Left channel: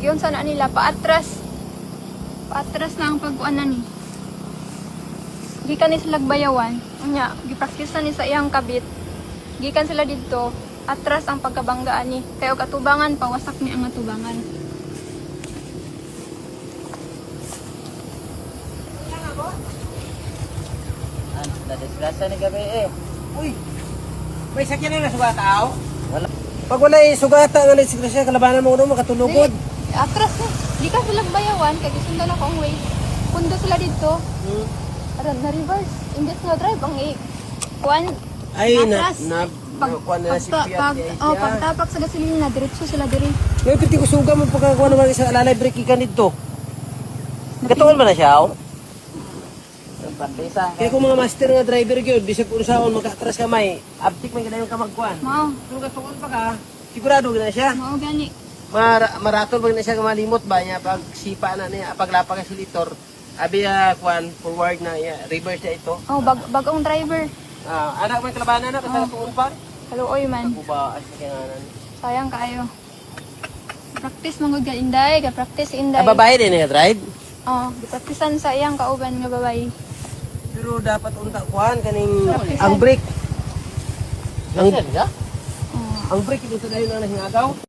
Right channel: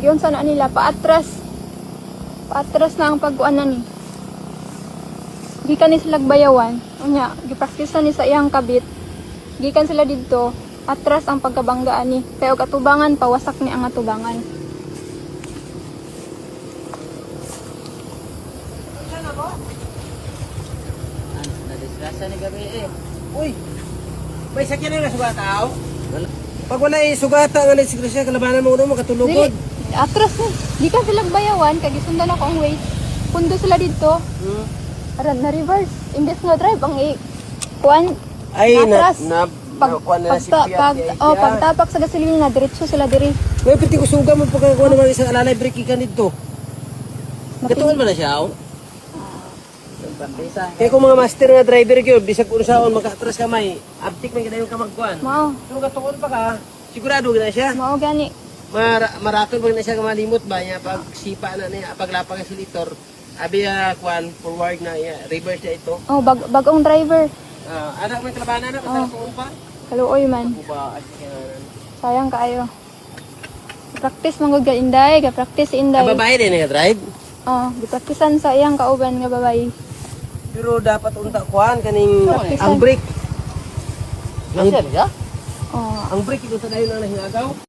Giyon sana nila paatras. Paatras na ang pagkuanan. Gikan ni sila bayawan. Unya, gipraktisan ni sa iyang kabit. Gikan sila dito. Atras ang pagkabanggaan ni. Kaya og atubangan pawasak ni ang atubangan. Nadisgrasya ni gabi eh. Uy, may sakyan na sugata aw? Wala. Pag wala sugata nga disgrasya, kalabanan mo mo makatulugod. Atras na. Gikan sila bayawan. Kaya gisundan ako ang way. Kundo sila dito. Para na-reverse. Hindi sila drive ang kuan. Ay, atras. kuha na si Fiat. Pagtapak sa gasolina, diretso sila diri. May piti ko suga mo pagkakuha naman isang alalay break ka nito. Katuan ba na siya aw? Pantisa. Kaya kung mga master nga driver yun, bisag kung saan makatras ka may, abtik man ganayon ka magkuhan. Mao. Kung katuon pa ka, sigurado na siya. Mao gani. Maratol ba na siya malimot ba niya pag sipa na niya, paglapa ka silitor, abi kuhan, forward na, reverse na ito. Oh, bagong driver. Anak may kalabanan na, basta katuon pa. Haluoy man. Ako ba, asikanan. Sayang kaayo. Practice mong ga inday, ga practice inday. Babae din nga drive? Di-practicean sa iyang kauban nga babae. Pero dapat unta kuhan kaning ang brake. Ang Oh. brake ito sa dayon na nahingagaw.